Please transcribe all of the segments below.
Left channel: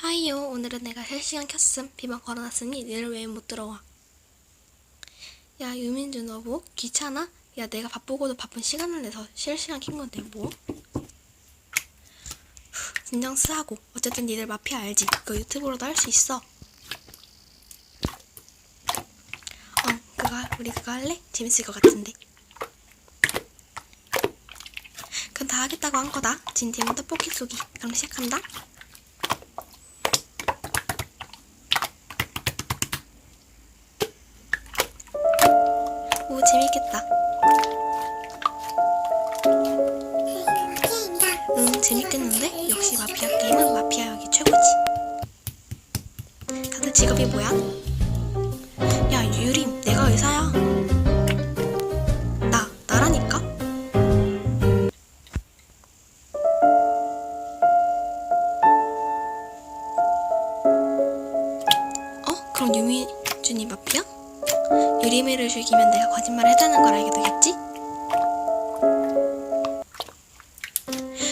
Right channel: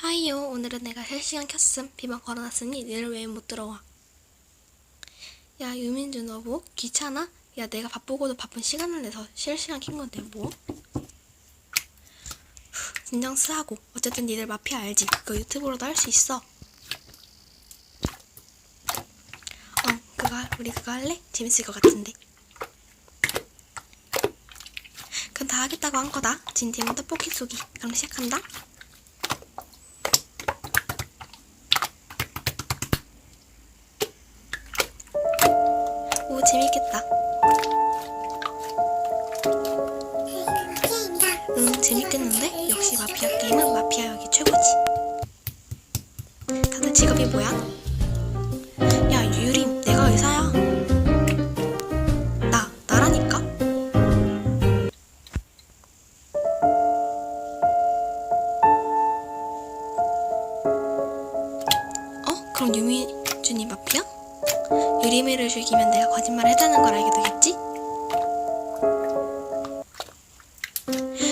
하이요. 오늘은 내가 실시간 켰음. 비번 걸어놨으니 니들 왜 못 들어와. 야 유민주, 너 뭐? 귀찮아? 야 내가 바쁘고도 바쁜 시간을 내서 실시간 킨 건데 뭐? 진정 쓰하고. 어쨌든 니들 마피아 알지? 그거 유튜브로도 할 수 있어. 우리 그거 할래? 재밌을 것 같은데. 그럼 다 하겠다고 한 거다. 진팀은 떡볶이 쏘기. 그럼 시작한다. 오, 재밌겠다. 재밌겠는데? 역시 마피아 게임은 마피아역이 최고지. 다들 직업이 뭐야? 야 유림, 내가 의사야. 나라니까? 그럼 유미준이 마피아? 유리미를 죽이면 내가 거짓말을 했다는 걸 알게 되겠지?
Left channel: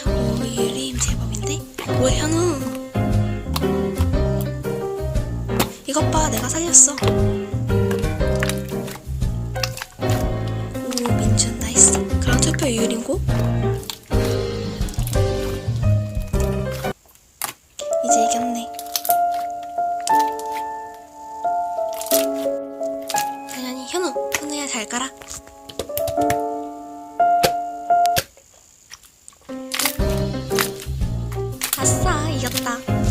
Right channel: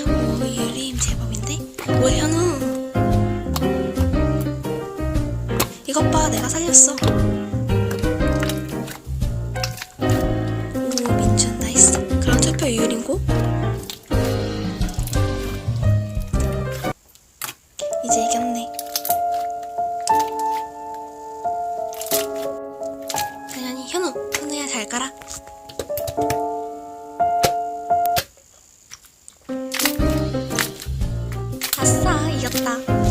오, 유림 제법인데? 오, 현우! 이것 봐, 내가 살렸어. 오, 민준 나이스. 그럼 투표 유림고? 이제 이겼네. 당연히 현우야 잘 가라. 아싸, 이겼다.